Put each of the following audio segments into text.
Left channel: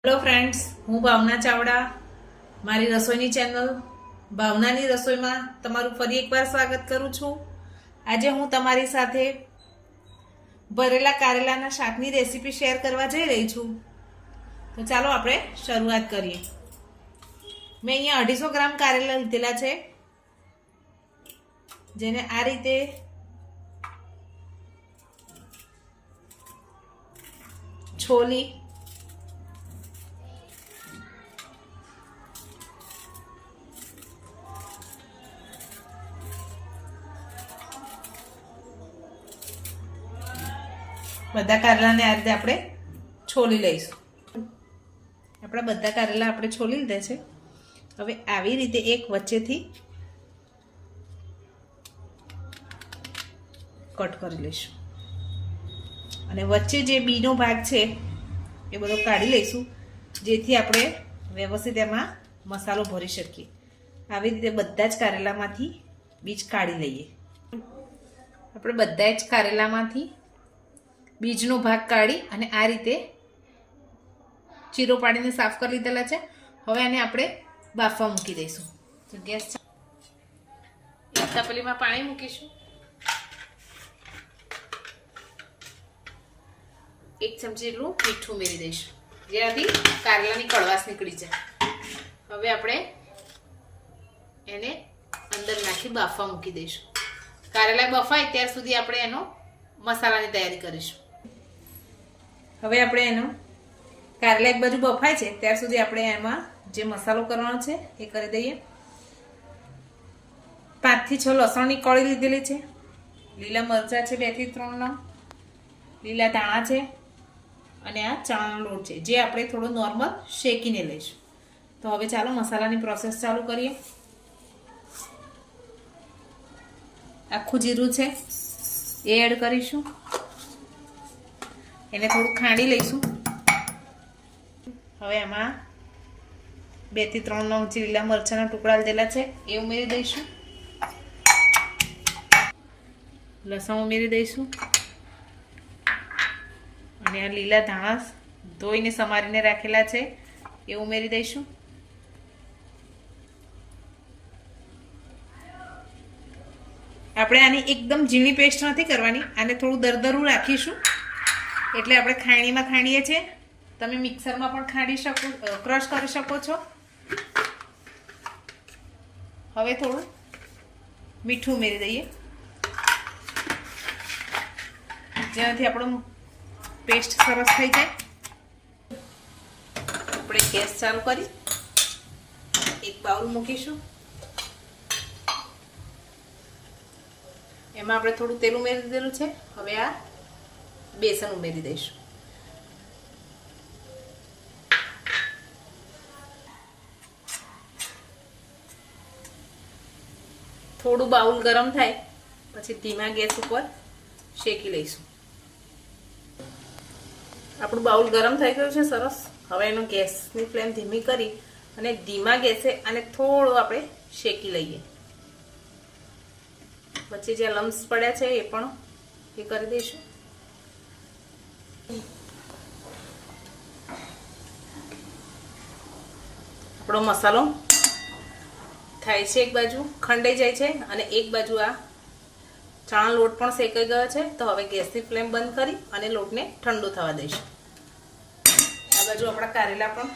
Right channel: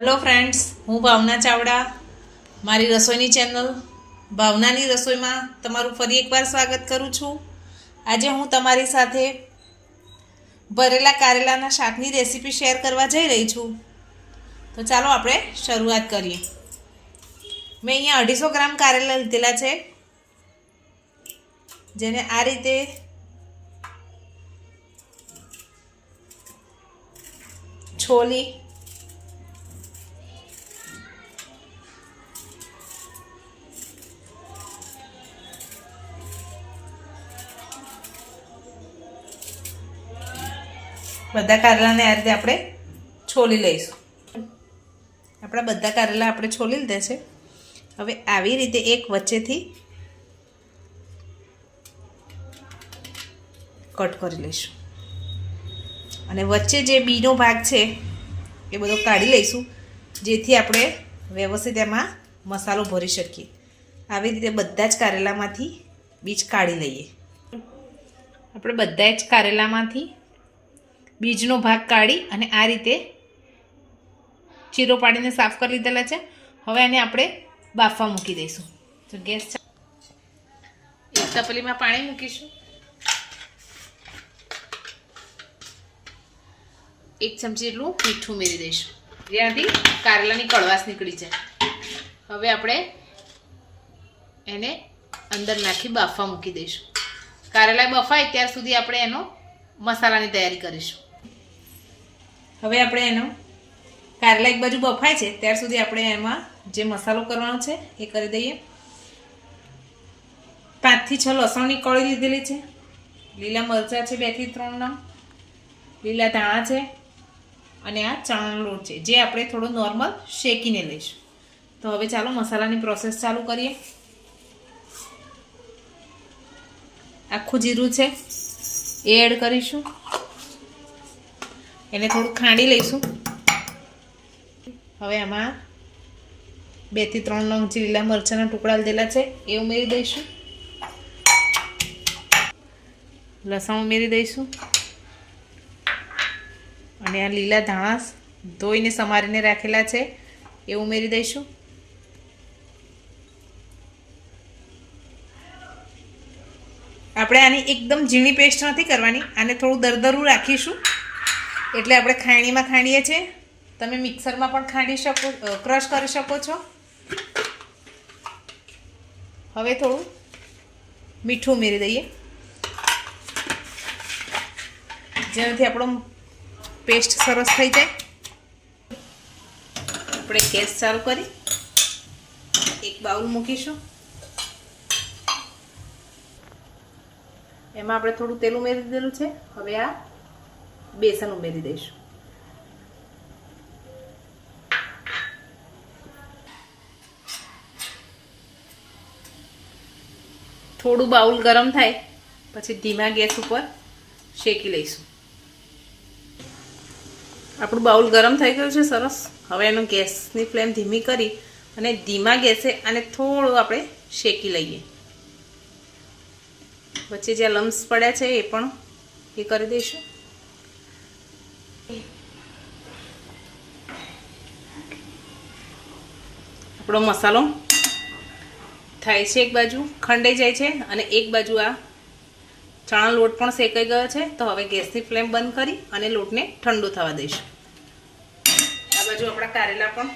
Hello friends, હું ભાવના ચાવડા. મારી રસોઈની ચેનલ ભાવનાની રસોઈમાં તમારું ફરી એકવાર સ્વાગત કરું છું. આજે હું તમારી સાથે ભરેલા કારેલાના શાકની રેસીપી શેર કરવા જઈ રહી છું. તો ચાલો આપણે શરૂઆત કરીએ. મેં અહીંયા 250 ગ્રામ કારેલા લીધેલા છે, જેને આ રીતે છોલી બધા કારેલાને આ રીતે આપણે છોલી લઈશું. આપણા બધા કારેલા આપણે છોલી લીધા છે. હવે આવી રીતે એક વચ્ચેથી કટ કરી લઈશું અને વચ્ચે જે બીનો ભાગ છે એ બધો કાઢી લઈશું, જેથી આપણે વ્યવસ્થિત એમાં મસાલો ભરી શકીએ. આવી રીતે બધા જ કારેલામાંથી બીજ કાઢી લઈએ. આપણે બધા જ કારેલામાંથી બીજનો ભાગ કાઢી અને આ રીતે ચીરો પાડીને સાફ કરી લીધેલા છે. હવે આને આપણે બાફવા મૂકી દઈશું. તો ગેસ એક તપેલીમાં પાણી મૂકીશું. 1 ચમચી જેટલું મીઠું ઉમેરી દઈશું, જેનાથી કારેલાની કડવાશ નીકળી જાય. હવે આપણે એને અંદર નાખી બાફવા મૂકી દઈશું. કારેલા બફાય ત્યાર સુધી આપણે એનો મસાલાની તૈયારી કરીશું. હવે આપણે એનો કારેલા એક બાજુ બફાય છે ત્યાર સુધી આપણે એમાં જે મસાલો કરવાનો છે એ કરી દઈએ. 5 થી 6 લસણની કળી લીધેલી છે, લીલા મરચાં છે 2 થી 3 નંગ, લીલા ધાણા છે અને આ ચણાનો લોટ છે, જે આપણે થોડો નોર્મલ શેકીને લઈશું. તો હવે ચાલો મસાલાની પ્રોસેસ ચાલુ કરીએ. આખું જીરું છે એ એડ કરીશું. એને થોડું ખાંડી લઈશું. હવે આમાં 2 થી 3 નંગ જે લીલા મરચાંના ટુકડા લીધેલા છે એ ઉમેરી દઈશું. લસણ ઉમેરી દઈશું અને આ લીલા ધાણા ધોઈને સમારીને રાખેલા છે એ ઉમેરી દઈશું. આપણે આની એકદમ ઝીણી પેસ્ટ નથી કરવાની, આને થોડું દરદરું રાખીશું. એટલે આપણે ખાણીમાં ખાંડીએ છીએ, તમે મિક્સરમાં પણ ખાંડી શકો, ક્રશ કરી શકો છો. હવે થોડું મીઠું ઉમેરી દઈએ, જેનાથી આપણો પેસ્ટ સરસ થઈ જાય. આપણે ગેસ ચાલુ કરી એક બાઉલ મૂકીશું. એમાં આપણે થોડું તેલ ઉમેરી દીધેલું છે. હવે આ બેસન ઉમેરી દઈશું. થોડું બાઉલ ગરમ થાય પછી ધીમા ગેસ ઉપર શેકી લઈશું. આપણું બાઉલ ગરમ થઈ ગયું છે સરસ. હવે એનો ગેસની ફ્લેમ ધીમી કરી અને ધીમા ગેસે આને થોડું આપણે શેકી લઈએ. વચ્ચે જ્યાં લમ્સ પડ્યા છે એ પણ એ કરી દઈશું. આપણો મસાલો થાય છે, એક બાજુ ખંડાઈ જાય છે અને એક બાજુ આ ચણા લોટ પણ શેકાઈ ગયો છે. તો હવે ગેસની ફ્લેમ બંધ કરી અને લોટને ઠંડો થવા દઈશું. આ બાજુ આપણા કારેલા પણ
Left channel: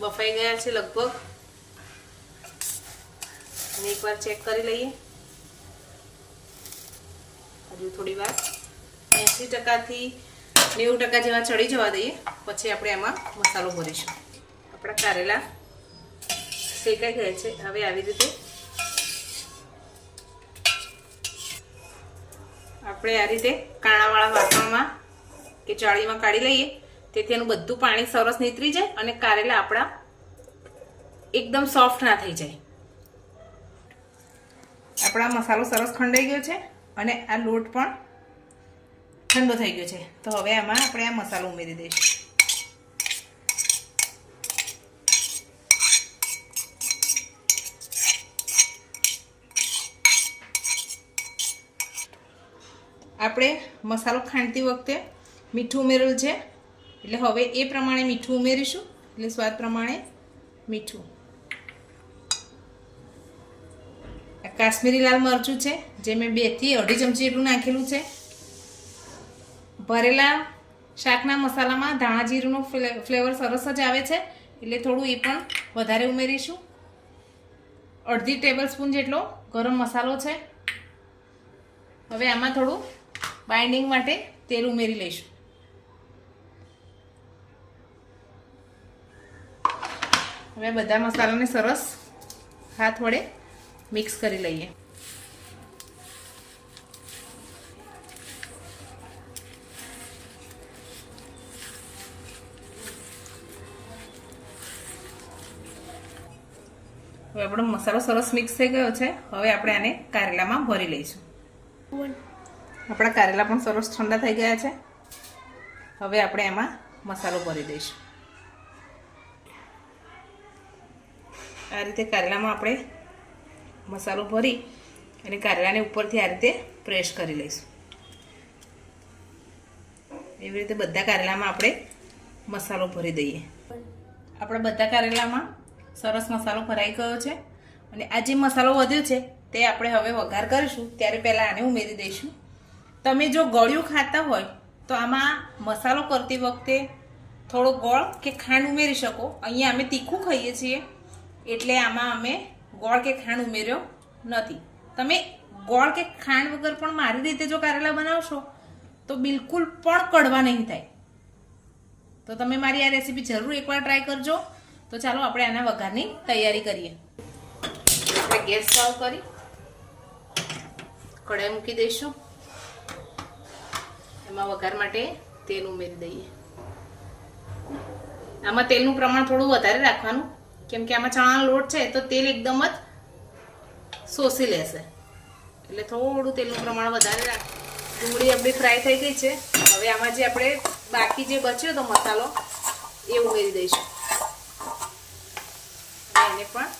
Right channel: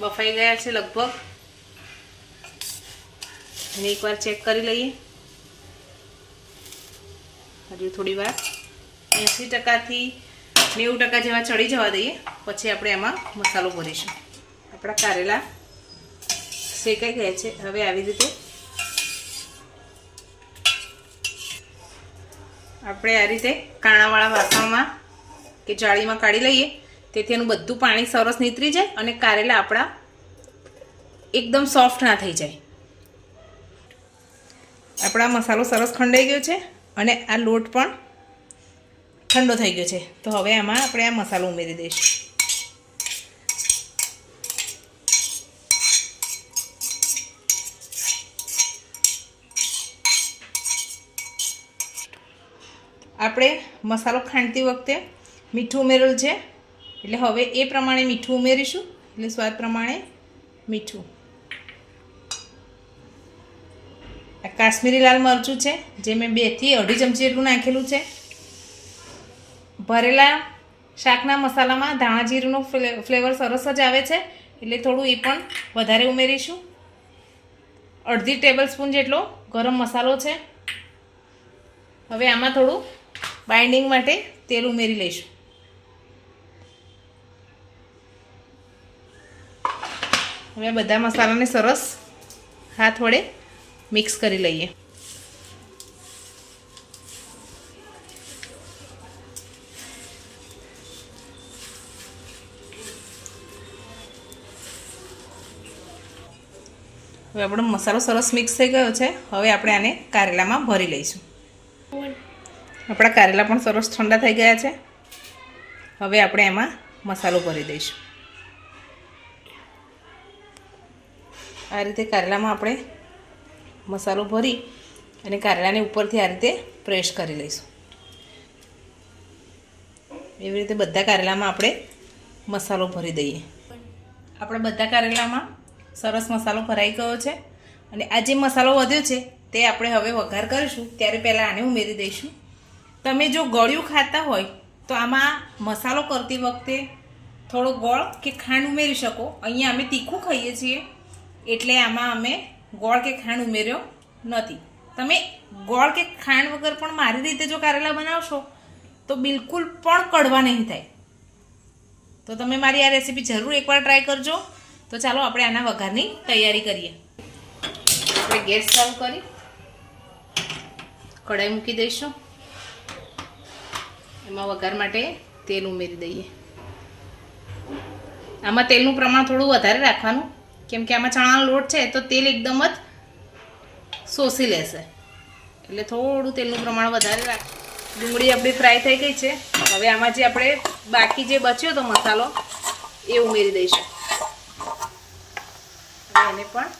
બફાઈ ગયા છે લગભગ. અને એકવાર ચેક કરી લઈએ. હજુ થોડી વાર 80% થી 90% જેવા ચડી જવા દઈએ, પછી આપણે એમાં મસાલો ભરીશું. આપણા કારેલા શેકાઈ ગયા છે. હવે આવી રીતે આપણે આ રીતે કાણાવાળા વાસણમાં કે જાળીમાં કાઢી લઈએ, તેથી એનું બધું પાણી સરસ નીતરી જાય અને કારેલા આપણા એકદમ સોફ્ટ ના થઈ જાય. આપણા મસાલો સરસ ખંડાઈ ગયો છે અને આ લોટ પણ ઠંડો થઈ ગયો છે. તો હવે આમાં આપણે આ મસાલો ઉમેરી દઈશું. આપણે મસાલો ખાંડતી વખતે મીઠું ઉમેરેલું છે એટલે હવે એ પ્રમાણે મીઠું ઉમેરીશું, એટલે સ્વાદ પ્રમાણે મીઠું. આ કાશ્મીરી લાલ મરચું છે જે મેં 2 થી અઢી ચમચી જેટલું નાખેલું છે. ભરેલા શાકના મસાલામાં ધાણા જીરુંનું ફ્લેવર સરસ જ આવે છે, એટલે થોડું એ પણ વધારે ઉમેરીશું. અડધી ટેબલ સ્પૂન જેટલો ગરમ મસાલો છે. હવે આમાં થોડું બાઇન્ડિંગ માટે તેલ ઉમેરી લઈશું. હવે બધા મસાલાને સરસ હાથ વડે મિક્સ કરી લઈએ. હવે આપણો મસાલો સરસ મિક્સ થઈ ગયો છે. હવે આપણે આને કારેલામાં ભરી લઈશું. આપણા કારેલા પણ સરસ ઠંડા થઈ ગયા છે. હવે આપણે એમાં મસાલો ભરી દઈશું. આ રીતે કારેલામાં આપણે મસાલો ભરી અને કારેલાને ઉપરથી આ રીતે પ્રેસ કરી લઈશું. એવી રીતે બધા કારેલામાં આપણે મસાલો ભરી દઈએ. આપણા બધા કારેલામાં સરસ મસાલો ભરાઈ ગયો છે અને આ જે મસાલો વધ્યો છે તે આપણે હવે વઘાર કરીશું ત્યારે પહેલાં આને ઉમેરી દઈશું. તમે જો ગળ્યું ખાતા હોય તો આમાં મસાલો કરતી વખતે થોડો ગોળ કે ખાંડ ઉમેરી શકો. અહીંયા અમે તીખું ખાઈએ છીએ એટલે આમાં અમે ગોળ કે ખાંડ ઉમેર્યો નથી. તમે ગોળ કે ખાંડ વગર પણ મારી રીતે જો કારેલા બનાવશો તો બિલકુલ પણ કડવા નહીં થાય. તો તમે મારી આ રેસીપી જરૂર એકવાર ટ્રાય કરજો. તો ચાલો આપણે આના વઘારની તૈયારી કરીએ. આપણે ગેસ ચાલુ કરી કઢાઈ મૂકી દઈશું. એમાં વઘાર માટે તેલ ઉમેરી દઈએ. આમાં તેલનું પ્રમાણ થોડું વધારે રાખવાનું, કેમ કે આમાં ચણાનો લોટ છે તો તેલ એકદમ જ શોષી લેશે, એટલે થોડું તેલનું પ્રમાણ વધારે રાખ. ડુંગળી આપણી ફ્રાય થઈ ગઈ છે. હવે આમાં જે આપણે બાકી જે બચ્યો તો મસાલો એ ઉમેરી દઈશું. એને પણ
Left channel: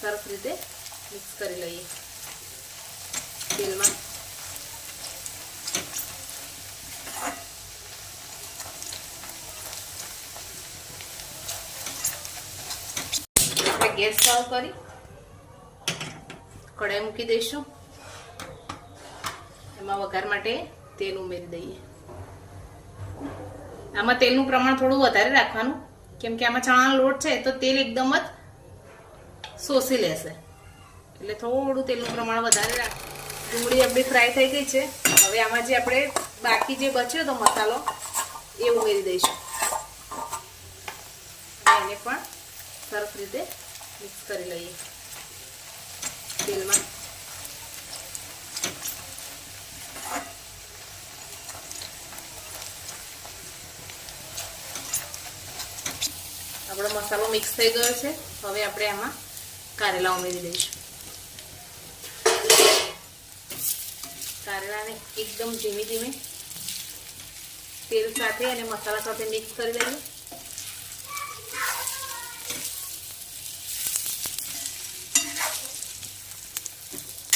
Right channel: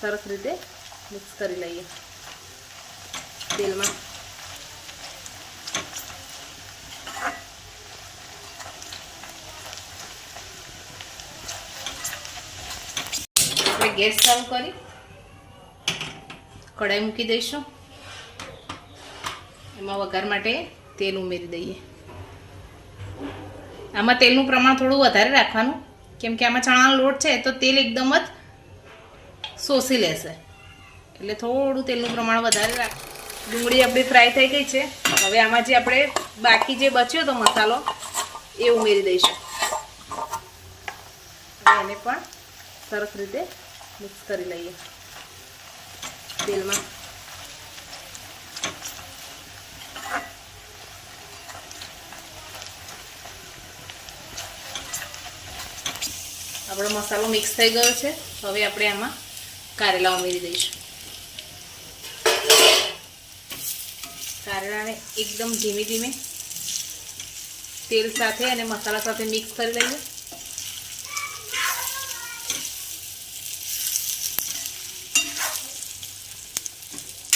સરસ રીતે મિક્સ કરી લઈએ તેલમાં. આપણે ગેસ ચાલુ કરી કઢાઈ મૂકી દઈશું. એમાં વઘાર માટે તેલ ઉમેરી દઈએ. આમાં તેલનું પ્રમાણ થોડું વધારે રાખવાનું, કેમ કે આમાં ચણાનો લોટ છે તો તેલ એકદમ જ શોષી લેશે, એટલે થોડું તેલનું પ્રમાણ વધારે રાખ. ડુંગળી આપણી ફ્રાય થઈ ગઈ છે. હવે આમાં જે આપણે બાકી જે બચ્યો તો મસાલો એ ઉમેરી દઈશું. એને પણ સરસ રીતે મિક્સ કરી લઈએ તેલમાં. આપણો મસાલો મિક્સ થઈ ગયો છે. હવે આપણે આમાં કારેલા ઉમેરી દઈશું. કારેલાને એકદમ ધીમે ધીમે તેલ સાથે અને મસાલા સાથે મિક્સ કરી લઈએ.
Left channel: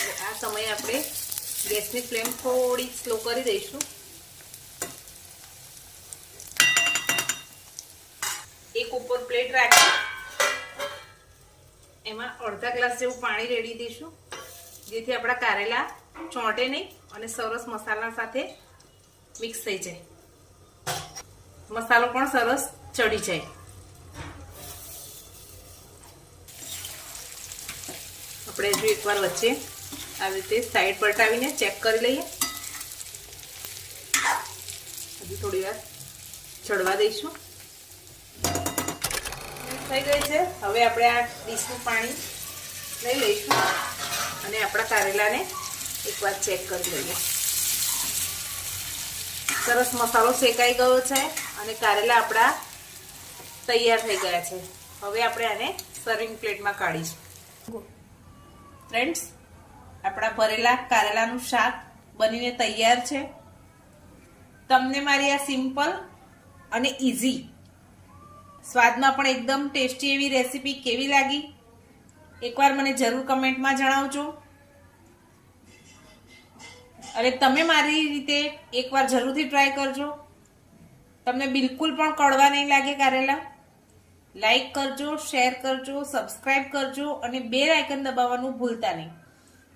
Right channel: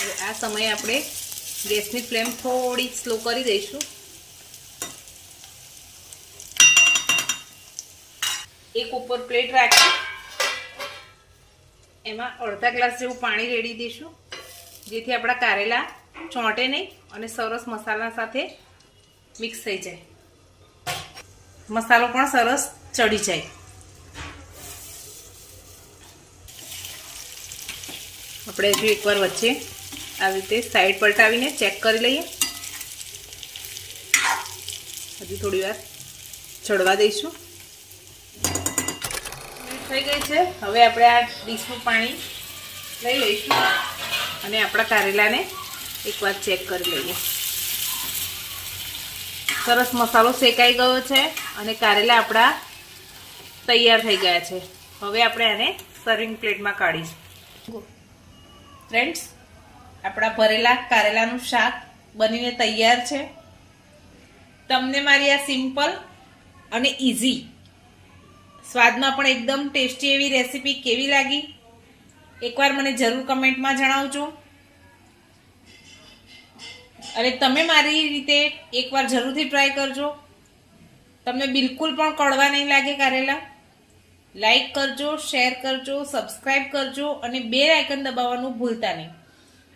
હવે આ સમયે આપણે ગેસની ફ્લેમ થોડી સ્લો કરી દઈશું. એક ઉપર પ્લેટ રાખી એમાં અડધા ગ્લાસ જેવું પાણી રેડી દઈશું, જેથી આપણા કારેલા ચોંટે નહીં અને સરસ મસાલા સાથે મિક્સ થઈ જાય, મસાલો પણ સરસ ચડી જાય. આપણે હજુ એકવાર વચ્ચે આવી રીતે સાઈડ પલટાવીને ચેક કરી લઈએ. હજી થોડી વાર ચડવા દઈશું. થઈ ગઈ છે. હવે આપણે આ ડીશનું પાણી લઈ લઈશું અને આપણા કારેલાને એકવાર ચેક કરી લઈએ. સરસ મસાલો શેકાઈ ગયો છે અને કારેલા આપણા તૈયાર થઈ ગયા છે. હવે આપણે આને સર્વિંગ પ્લેટમાં કાઢીશું. ફ્રેન્ડ્સ, આપણા ભરેલા કારેલાનું શાક બનીને તૈયાર છે. તમને મારી આ સિમ્પલ અને ઇઝી, સ્વાદમાં પણ એકદમ ટેસ્ટી એવી રેસીપી કેવી લાગી એકવાર મને જરૂર કમેન્ટમાં જણાવજો. અને તમે મારી રીતે એકવાર જરૂરથી ટ્રાય કરજો. તમને બિલકુલ પણ કડવા નહીં લાગે કારેલા. લાઈક કરજો, શેર કરજો, સબસ્ક્રાઈબ કરજો અને બેલ આઇકન દબાવવાનું ભૂલતા નહીં,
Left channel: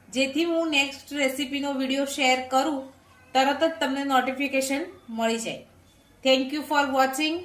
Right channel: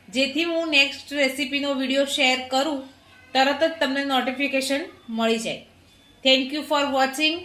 જેથી હું નેક્સ્ટ રેસીપીનો વિડીયો શેર કરું તરત જ તમને નોટિફિકેશન મળી જાય. Thank you for watching.